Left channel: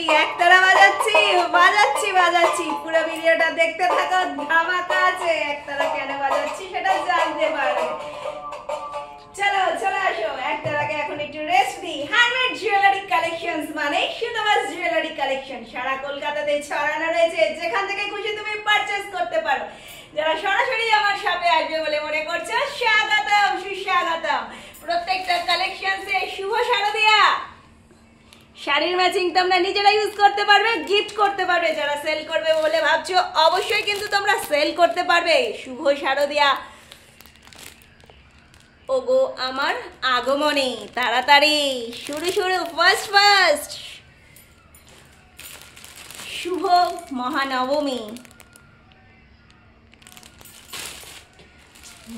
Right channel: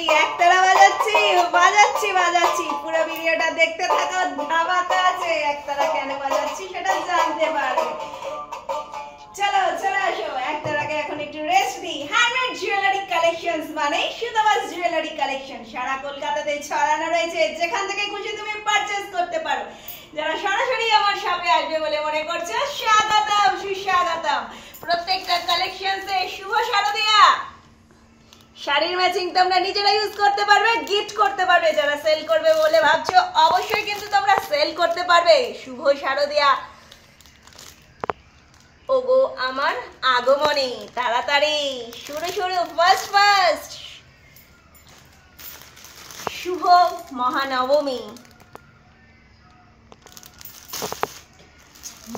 Ready, একতারা বাজাচ্ছি বাজাচ্ছি বাজাচ্ছি। পুরো ভিডিওটা দেখতে থাকো, ধামাকা আছে। একতারা কেন বাজাচ্ছি সেটা জানতে পারবে। চলো চলে আসো, একতারাকে এখন একটু রেস্ট দিই। হ্যান্ডমেড জুয়েলারি কালেকশনস মানে সুতমাস জুয়েলারি কালেকশন সারা কলকাতাতে ছড়ানো রয়েছে, যেখান থেকে খুশি তুমি পারচেজ করতে পারো। যারা সরাসরি আমার শপে আসবে বলে মনে করছো, স্বাগতম সুস্বাগতম। প্রত্যেকটা কালেকশনসে শুভ শারদিয়া শাড়ির ম্যাচিং তোমরা নিজেরা ইউজ করতে পারবে, গিফট করতে পারবে। যারা সেল করবে বলে ভাবছো, অবশ্যই কিন্তু তোমরা সেল করতে পারবে। শুভ শারদিয়া ওগো আমার আগমনী, তাড়াতাড়ি শুরু শুরু, ফার্স্ট ফার্স্ট শুভ মহানবমী।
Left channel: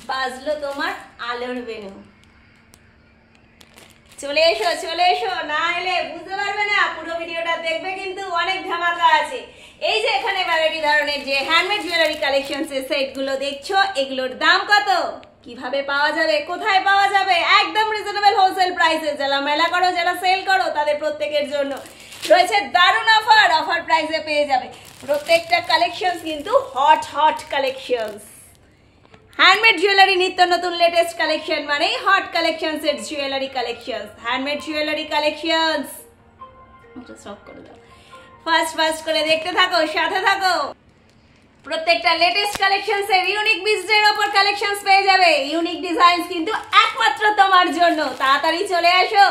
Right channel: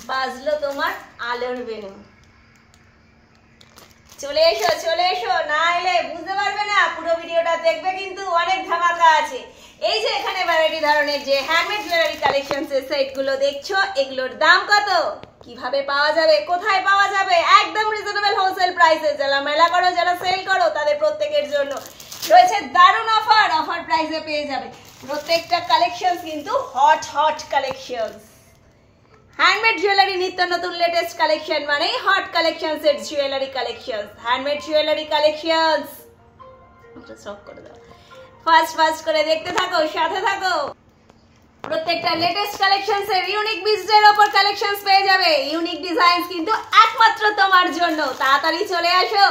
বাজলো তোমার আলোর বেনু। চলে এসো চলে এসো, না এলে বুঝতে পারবে না। পুরো ভিডিওটা দেখবে, কিন্তু অনেক ধামাকা আছে। এই যে এখানে ভ্যারাইটি ধরনের যে হ্যান্ডমেড জুয়েলারি কালেকশন সেট গুলো দেখছো, এগুলোর দাম কত, কিভাবে পাওয়া যাবে, কোথায় পাওয়া যাবে, একদম রিজনেবল হোলসেল প্রাইসে। যারা মেলা করো, যারা সেল করো, তাদের প্রত্যেকের জন্য রয়েছে দারুণ অফার। অফার প্রাইসে পেয়ে যাবে প্রত্যেকটা কালেকশন, কিন্তু hot hot collection. Handmade jewellery নিত্য নতুন লেটেস্ট কালেকশন মানে hot collection set jewellery collection. Handmade jewellery collection সব করে দাও, ফার্স্ট ফার্স্ট করে দেখতে থাকো, সাথে থাকো। প্রত্যেকটা লেটেস্ট কালেকশনস এর ইউনিক বিজনেসের উপর কালেকশনস পেয়ে যাবে। ইউনিক ডিজাইনস কিন্তু একমাত্র তোমার জন্য। তাড়াতাড়ি চলে আসো,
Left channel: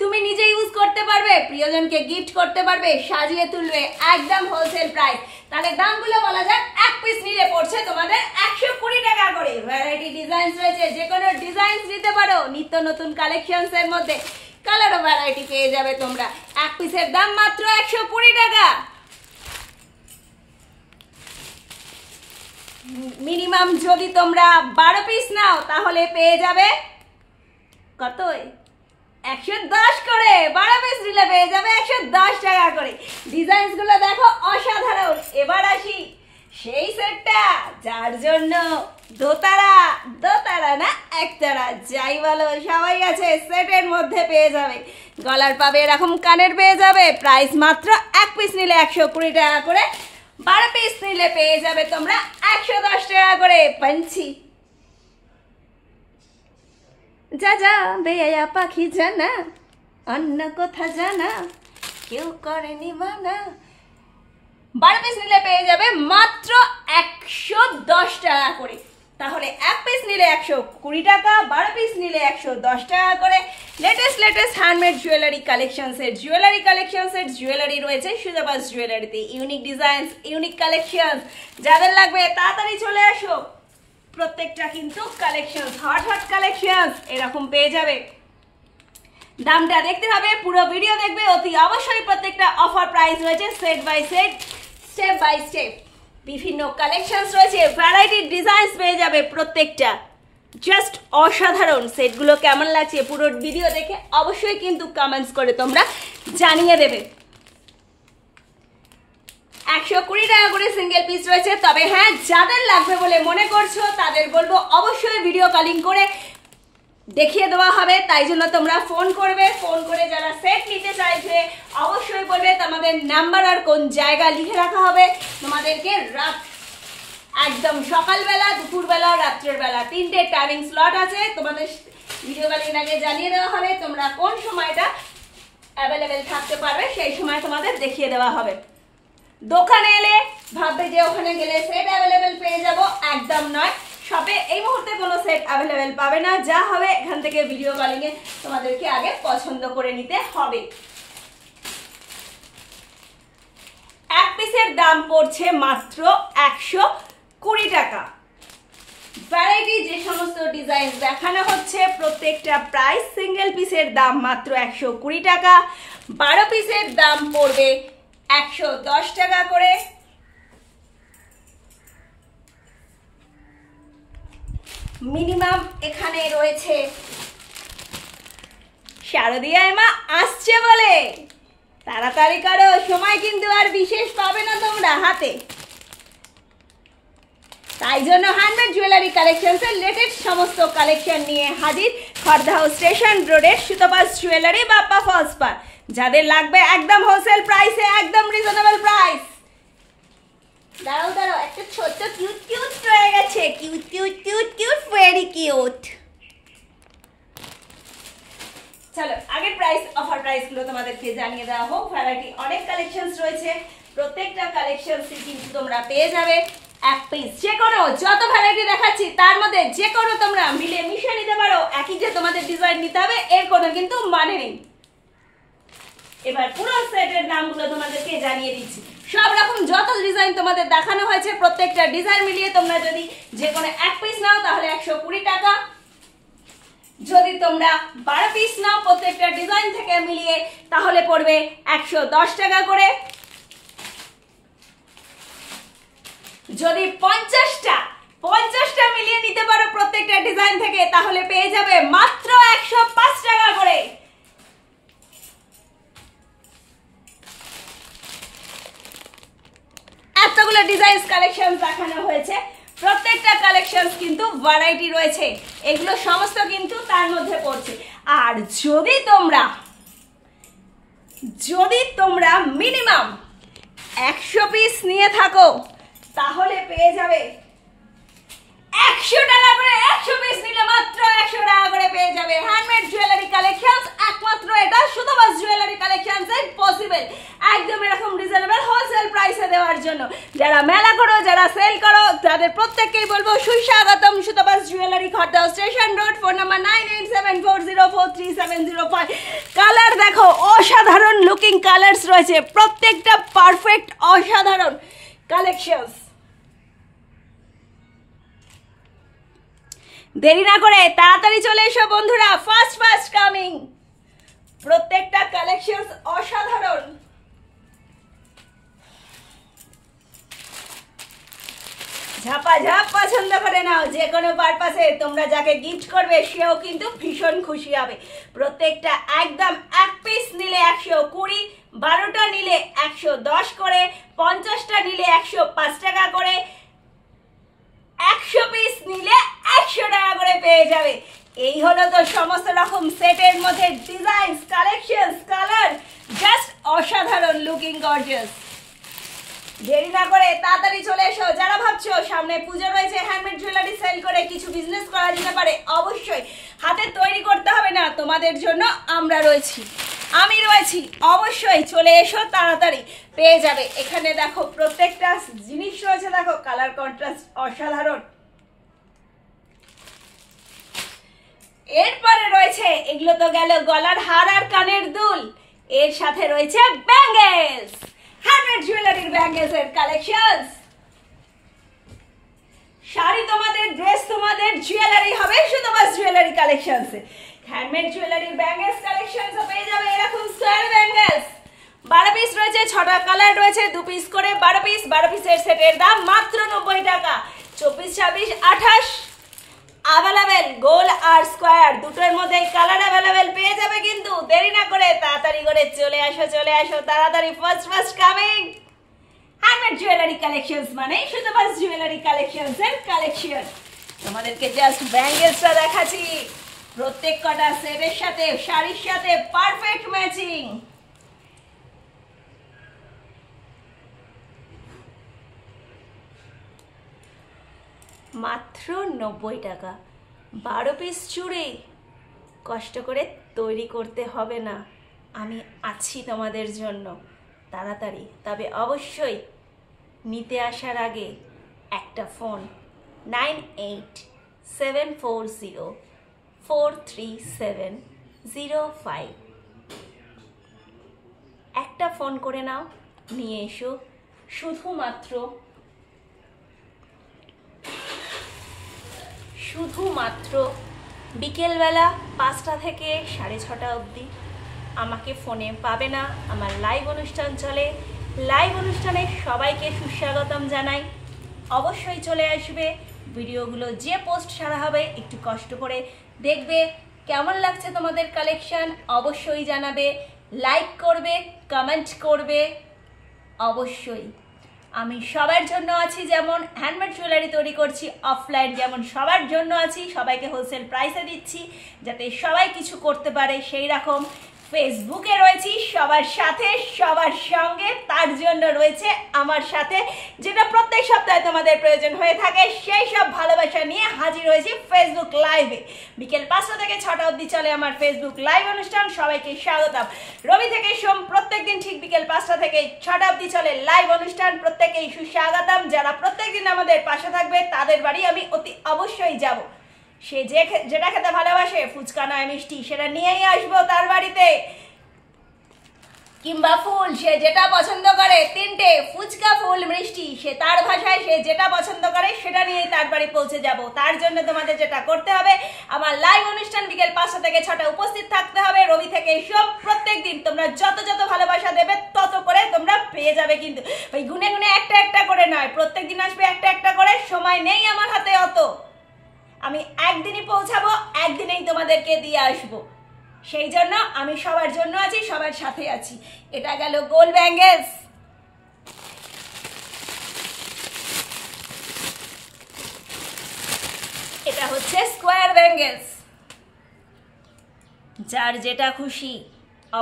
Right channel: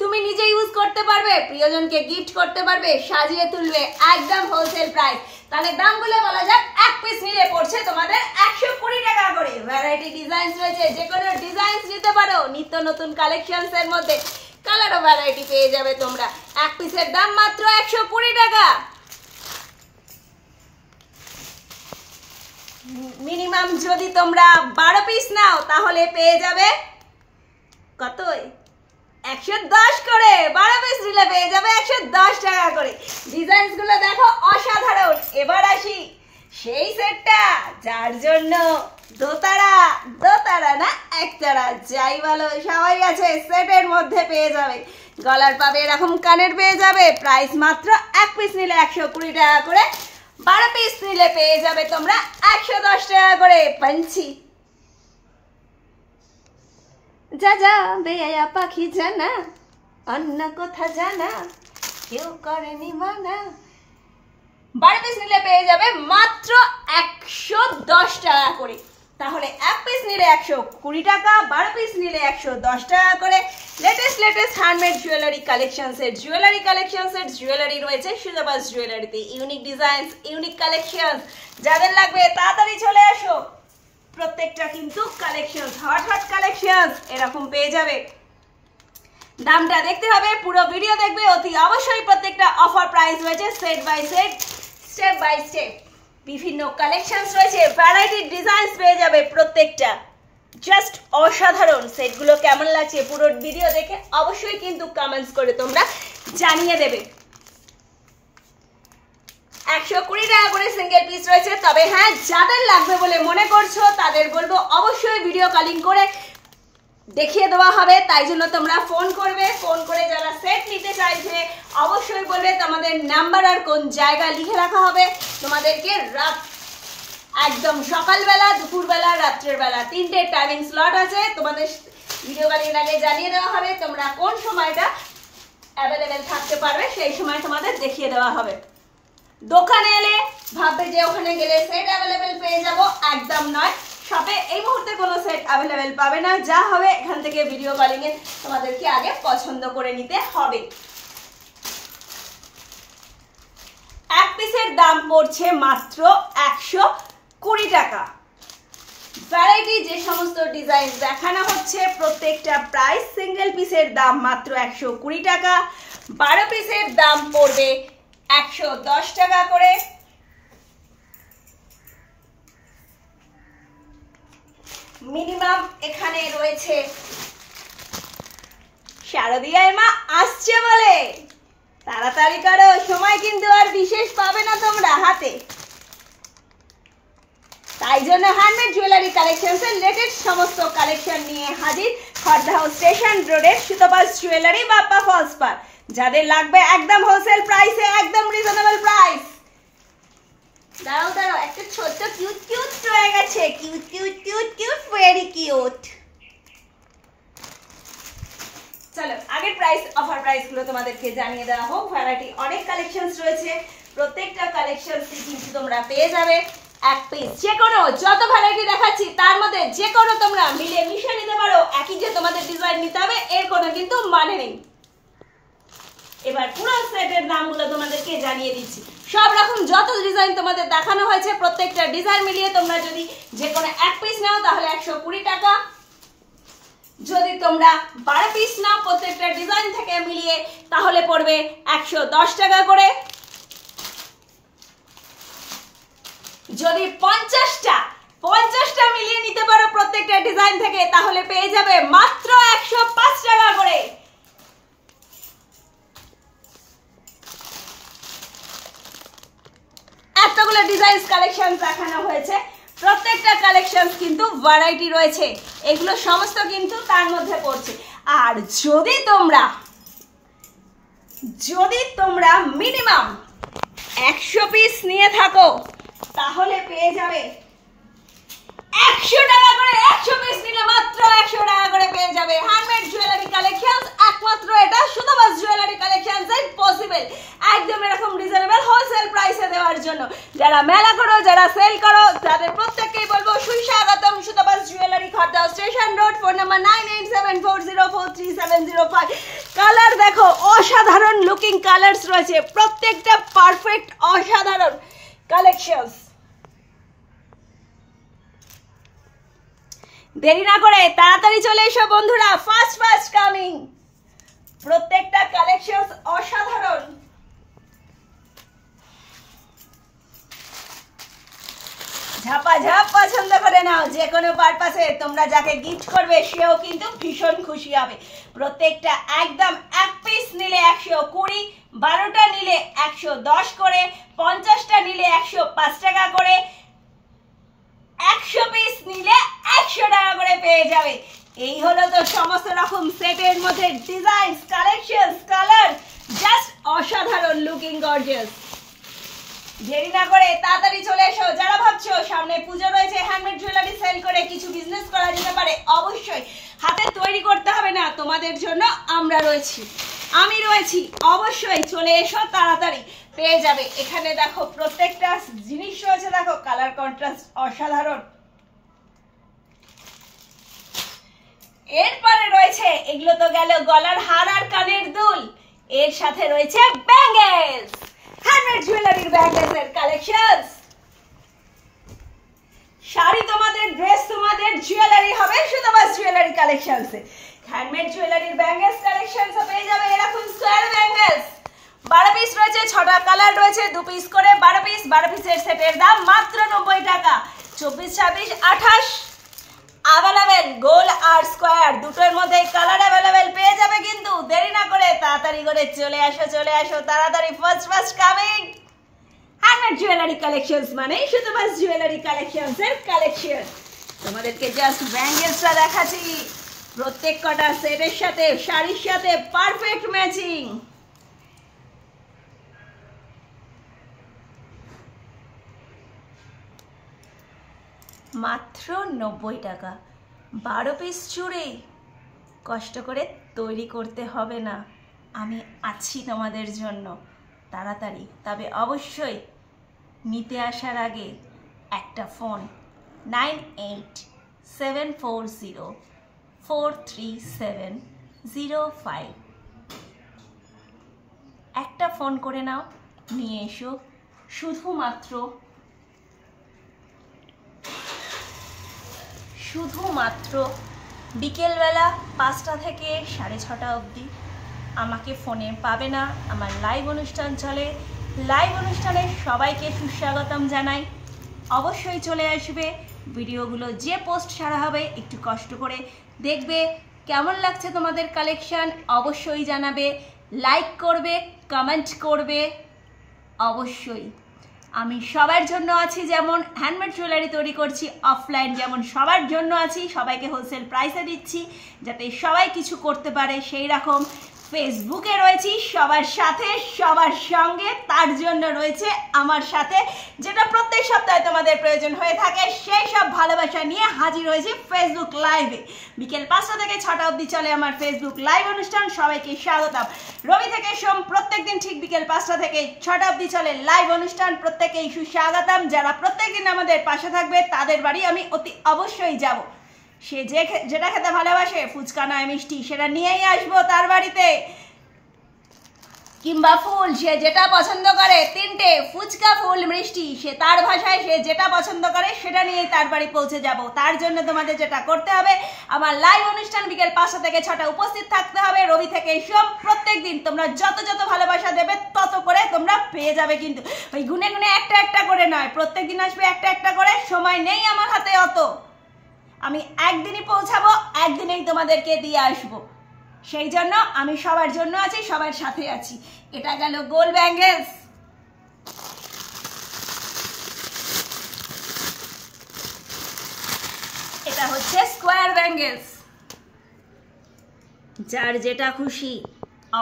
তুমি নিজে ইউজ করতে পারবে, প্রিয়জনকে গিফট করতে পারবে, সাজিয়ে তুলবে, একদম হোলসেল প্রাইস। তাহলে দামগুলো বলা যাক। এক পিস নিলে পড়ছে তোমাদের 120 টাকা করে। ভ্যারাইটি ডিজাইনস রয়েছে, যে কোনো ডিজাইনস নিতে পারো। নিত্য নতুন কালেকশনস এর মধ্যে কালার ও ভ্যারাইটি পেয়ে যাবে তোমরা। এক পিসের দাম মাত্র 120 টাকা। মিনিমাম যদি তোমরা 12 পিস নাও, তাহলে পেয়ে যাবে কত, 110 করে। 12 পিস নিলে পেয়ে যাবে 110 টাকা করে। ডিজাইনস গুলো দেখো অসাধারণ। এবার আসি সেই সেটটা যার জন্য দোতারা, দোতারা না একতারা, যাই বলো সবাই আছে। সেটের মধ্যে পেয়ে যাবে গলার পাবে এরকম, কানের পেয়ে যাবে। প্রাইস মাত্র এক পিস নিলে 120 টাকা করে, 12 পিস নিলে পেয়ে যাবে তোমরা 110 টাকা করে। পাঞ্চি যা যা বেয়া পাখি জানা, অন্য কথা জানা কেউ করেনি মানা। 12 পিস নিলে পেয়ে যাবে মাত্র 110 টাকা করে। তাহলে এক পিস নিলে 120 টাকা, 12 পিস নিলে 110 টাকা করে। লেটেস্ট লেটেস্ট হ্যান্ডমেড জুয়েলারি কালেকশনসের জুয়েলারি রয়েছে সুতমাস জুয়েলারিতে। ইউনিক ডিজাইনস, ইউনিক কালেকশন, যাদের লাগবে তাড়াতাড়ি চলে আসো। প্রত্যেকটা কিন্তু কালেকশন হট হট কালেকশন এরকম পেয়ে যাবে। দামটা দেখতে হবে, পুরো ভিডিও দেখবে অতি অবশ্যই। প্রত্যেকটা অফার প্রাইস রয়েছে set by set, step by step. বিভিন্ন কালেকশনস রয়েছে, ভ্যারাইটি ডিজাইনস পেয়ে যাবে প্রত্যেকটা। জাস্ট অসাধারণ। সেটগুলো কেমন লাগছে পুরো ভিডিও দেখে অবশ্যই কিন্তু কমেন্টস করে তোমরা জানিয়ে দেবে। 120 টাকা করে সিঙ্গেল পিস রয়েছে। তবে হ্যাঁ, যাদের লাগবে বলে মনে করছো, তাদের বলবো অবশ্যই ভিডিও কলিং করে দেখিয়ে দেওয়া হবে। তাই জন্য তোমরা ফোন করবে। ফোন করে যারা সেট নিতে চাইছে অবশ্যই বলবে তোমাদের নাম্বার আর কোন জায়গা লিখে রাখা হবে। তোমাদেরকে রাত একদম সকালবেলা, দুপুরবেলা, রাত্রের বেলা 3টে টাইমিং স্লট আছে। তোমাদের ভিডিও কলিং আগে জানিয়ে দেওয়া হবে তোমরা কোন সময়টা অ্যাভেলেবেল থাকতে পারবে, সেই সময় তোমাদের দেখিয়ে দেওয়া হবে। দোকানে এলে ভাববে যে ওখানে গেলে সেট অ্যাভেলেবেল পেয়ে যাব, একদম নয়। শপে এই মুহূর্তে কোনো সেট অ্যাভেলেবেল পাবে না। যা হবে এখান থেকে ভিডিও কলিং এ তোমাদেরকে আগে পছন্দ করে নিতে হবে। এক পিসের দাম পড়ছে মাত্র 120 টাকা। ভ্যারাইটি যে সমস্ত ডিজাইন দেখানো হচ্ছে, প্রত্যেকটা প্রাইস সিঙ্গেল পিসের দাম মাত্র 120 টাকা। 12 পিসের দাম পড়বে 110 টাকা করে। মিনিমাম এখানে রয়েছে শারদিয়া মা আসছে বলে তাড়াতাড়ি করো, সময় কিন্তু আর বিশেষ পাবে না তোমরা হাতে। তাই জন্য হ্যান্ডমেড জুয়েলারি কালেকশনসের লেটেস্ট সমস্ত কালেকশন নিয়ে হাজির খড়দা হাউস স্টেশন রোডের সুতপাস জুয়েলারি বাপ্পা ফলস পার। যাদের লাগবে একদম হোলসেল প্রাইসে, একদম রিজনেবল প্রাইস। দাঁড়াও একটা ছোট্ট কিউট রয়ে গেছে, কিউট ভেরি কিউট। চলো আগের প্রাইস অফার প্রাইসগুলো তোমাদেরকে জানিয়ে দেওয়া হোক। ভ্যারাইটি অনেক কালেকশনস রয়েছে, প্রত্যেকটা কালেকশনসই কিন্তু তোমরা পেয়ে যাবে এক পিস। যে কোনো যত ভ্যারাইটি দেখাচ্ছি তার মধ্যে যে কোনো তোমরা মিলে মিশে নিতে পারো। একই যে তোমাদের ডিজাইন নিতে হবে এর কোনো কিন্তু মানে নেই। এবার পুরো সেটের দামগুলো তোমাদেরকে জানিয়ে দিচ্ছি। সব রকম যত ডিজাইন তোমাদের দেখানো হয়েছে প্রত্যেকটা ডিজাইন মিলিয়ে তোমরা যদি যে কোনো এক পিস নাও তাহলে 120 টাকা। যদি তোমরা 12 পিস নাও প্রত্যেকটা ডিজাইন থেকে মিলিয়ে তাহলে পড়বে 110 টাকা করে। যদি 50টা মিলিয়ে নিতে পারো প্রত্যেকটা ডিজাইন থেকে তাহলে পেয়ে যাবে মাত্র 105 টাকা করে। এতগুলো ডিজাইন কালেকশন দেখানো হয়েছে, প্রত্যেকটা কালেকশন কিন্তু ভ্যারাইটি রয়েছে, এগুলো সমস্ত কিন্তু তার মধ্যে পড়ছে। আর যদি তোমরা মিনিমাম 100 পিস নিয়ে থাকো তাহলে পেয়ে যাবে 100 টাকা করে। 100 পিস নিলে মাত্র 100 টাকা করে পেয়ে যাবে হ্যান্ডমেড জুয়েলারি কালেকশনস। একমাত্র এটা শুধুমাত্র জুয়েলারি কালেকশনস এর পসিবল, একদম এরকম রিজনেবল হোলসেল প্রাইসে দেওয়ার জন্য। যারা মেলা করো, যারা সেল করো, তাদের প্রত্যেককেই বলবো সুস্বাগতম Sutapa's jewellery, Khardah station road. Phone number 9874043705। Colour দেখো, অসাধারণ লুকিং কালারস রয়েছে, প্রত্যেকটা পারফেক্ট অসাধারণ কালেকশনস। দেরি না করে তাড়াতাড়ি চলে এসো বন্ধুরা, ফাস্ট কামিং। প্রত্যেকটা কালেকশনস অসাধারণ। ঝাপাঝাপ পছন্দ করে নাও, যে কোনো পারপাসে তোমরা যাকে গিফট করবে সেও কিন্তু ভীষণ খুশি হবে। প্রত্যেকটা একদম এক পিস নিলে 120, 12টা নিলে 110 করে, 50টা নিলে 105 টাকা করে, 100 পিস নিলে 100 টাকা করে পেয়ে যাবে। এই হলো তো সমস্ত রকম সেটের মধ্যে ডিজাইন, কালেকশন, কালার, জাস্ট অসাধারণ লুকিং গর্জিয়াস। দেরি না করে তাড়াতাড়ি চলে এসো। যারা ভাবছো সামনে পুজো রয়েছে, হ্যান্ডমেড জুয়েলারি সেল করে কিছু বিজনেস করা যেতে পারে, অবশ্যই হাতে তৈরি করতে হবে না, তোমাদের জন্য আমরা রয়েছি, আমি রয়েছি। অবশ্যই চলে এসো, তাড়াতাড়ি পেয়ে যাবে। এখানে দেখো প্রত্যেকটা জিনিস রয়েছে, দেখো কালার কন্ট্রাস্ট অসাধারণ। এরপরে রয়েছে, এগুলো তো গেল গলার হার আর কানের দুল, এর সাথে রয়েছে ব্যাঙ্গেলস, হ্যান্ডমেড জুয়েলারির ব্যাঙ্গেলস এর কালেকশনস। শাড়ি তোমাদের, ড্রেস তোমাদের, জুয়েলারি হবে শুধুমাত্র জুয়েলারি কালেকশনস এ। হ্যান্ডমেড জুয়েলারির ব্যাঙ্গেলস কালেকশনস পেয়ে যাবে এরকম স্কয়ার ব্যাঙ্গেলস। 12 পিস রয়েছে, 6টা কালার রয়েছে, 2 পিস করে 12 পিস। 12 পিসের সেটের দাম মাত্র 90 টাকা। 24, 26, 28 অ্যাভেলেবেল, গোল আর স্কয়ার দুটোর মধ্যে কালার অ্যাভেলেবেল পেয়ে যাবে। কিন্তু দেরি না করে তাড়াতাড়ি করে চলে আসো তাড়াতাড়ি, fast coming. Handmade jewellery collections মানে শুধুমাত্র জুয়েলারি কালেকশনস এর কালেকশন। তোমাদেরকে জাস্ট ব্যাঙ্গেলসটা দেখাচ্ছি, প্রত্যেক কটা সেটের সাথে, শাড়ির সাথে পারফেক্ট ম্যাচিং। মাত্র 90 টাকা। 12 পিস চুড়ি কষ্ট করে তৈরি করতে হবে না, আমি আছি তোমাদের জন্য। তাড়াতাড়ি, তবে অবশ্যই নিতে আসার আগে একটা ফোন 9874043705 একটা ফোন করে নাও, নিয়ে এসো। শুধুমাত্র বিকেলবেলা 5টা থেকে 6:30 অবধি আমাকে ফোনে পাবে না, আমার লাইভ অনুষ্ঠান চলে। লাইভ অনুষ্ঠানে সবাইকে সুস্বাগতম জানাই। অবশ্যই চলে আসবে। ভিডিওগুলো যে পোস্ট ছাড়া হবে একটু কষ্ট করে দেখবে, কেমন লাগছে তোমাদের কালেকশন অবশ্যই জানাবে, লাইক করবে, কমেন্ট করবে অবশ্যই। আমি সবার জন্য আছি, যেমন হ্যান্ডমেড জুয়েলারি তৈরি করছি অফলাইন, যেমন সবার জন্য আছি, সবাইকে হোলসেল প্রাইসে দিচ্ছি যাতে সবাই কিছু করতে পারে, সেই রকম ফেসবুকে রয়েছি সবার সাথে সবার সঙ্গে, তার জন্য রয়েছে আমার সাথে, যেটা প্রত্যেক সপ্তাহে তোমাদের প্রয়োজন হয়ে থাকে, সেই সব ভালোবাসা নিয়ে হাজির হয়েছি ফেসবুক লাইভে। বিকেল 5টা থেকে 6টা অবধি চলে আমার ফেসবুক লাইভ অনুষ্ঠান। সবাইকে স্বাগতম। রবি থেকে সোম প্রত্যেকদিন ঠিক বিকেল 5টা থেকে 6টা অবধি চলে লাইভ অনুষ্ঠান। প্রত্যেকেই সুস্বাগতম। যারা প্রত্যেকদিন আমাদের পাশে থাকবে তাদের বাড়ি আমি অতি অবশ্যই যাব। সে যেটা খেতে ভালোবাসে, ফুচকা নয় মিষ্টি, সেটা নিয়েই আসবো তার বাড়িতে, কিংবা ফুল সে যেটা পছন্দ করে, 3টে ফুচকা ফুল মিষ্টি, সে তার ভাষায় সে যেটা পছন্দ করে সেটা নিয়েই তার বাড়ি পৌঁছে যাব। তার জন্য তোমাদের যেটা করতে হবে, আমার লাইভ অনুষ্ঠান বিকেল 5টা থেকে 6টা উপস্থিত থাকতে হবে। রবি থেকে সোম প্রত্যেক দিন তোমরা যত যত ভালোবাসা দেবে তত করে তোমরা পেয়ে যাবে, কিন্তু ওই গুনে গুনে একটা একটা করে নয়, প্রত্যেক দিন আসবে একটা একটা করে। সময় নেই আমার হাতে অত, আমি একদিনই পৌঁছাবো, একদিনেই তোমাদেরকে দিয়ে আসবো। সেই জন্য আমি সবার জন্য আছি, সবার সাথে আছি। এটা গেল গোল ব্যাঙ্গেলস। এটা হচ্ছে স্কোয়ার ব্যাঙ্গেলস। যার যেটা খুশি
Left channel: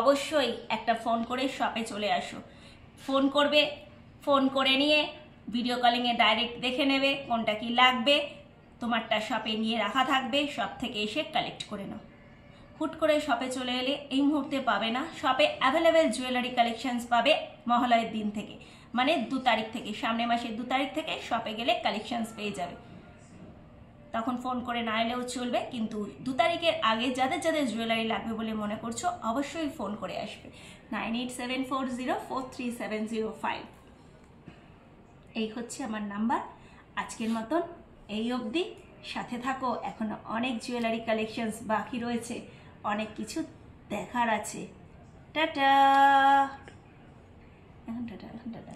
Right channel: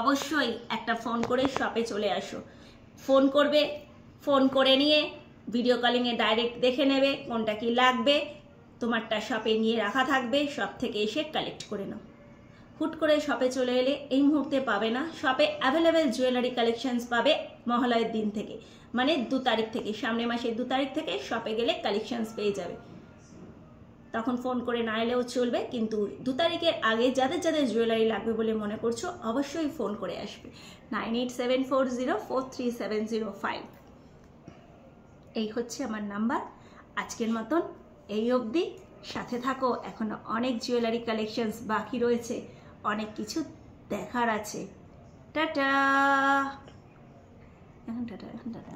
অবশ্যই একটা ফোন করে শপে চলে আসো। ফোন করবে, ফোন করে নিয়ে ভিডিও কলিংয়ে ডাইরেক্ট দেখে নেবে কোনটা কি লাগবে, তোমারটা শপে নিয়ে রাখা থাকবে, শপ থেকে এসে কালেক্ট করে নাও। হুট করে শপে চলে এলে এই মুহূর্তে পাবে না। শপে অ্যাভেলেবেল জুয়েলারি কালেকশনস পাবে মহালয়ের দিন থেকে, মানে 2 তারিখ থেকে, সামনের মাসের 2 তারিখ থেকে শপে গেলে কালেকশনস পেয়ে যাবে। তখন ফোন করে না এলেও চলবে, কিন্তু 2 তারিখের আগে যাদের যাদের জুয়েলারি লাগবে বলে মনে করছো অবশ্যই ফোন করে আসবে। 9874043705 এই হচ্ছে আমার নাম্বার। আজকের মতন এই অবধি, সাথে থাকো। এখনো অনেক জুয়েলারি কালেকশনস বাকি রয়েছে, অনেক কিছু দেখার আছে। টাটা। এখন টাটা, টাটা।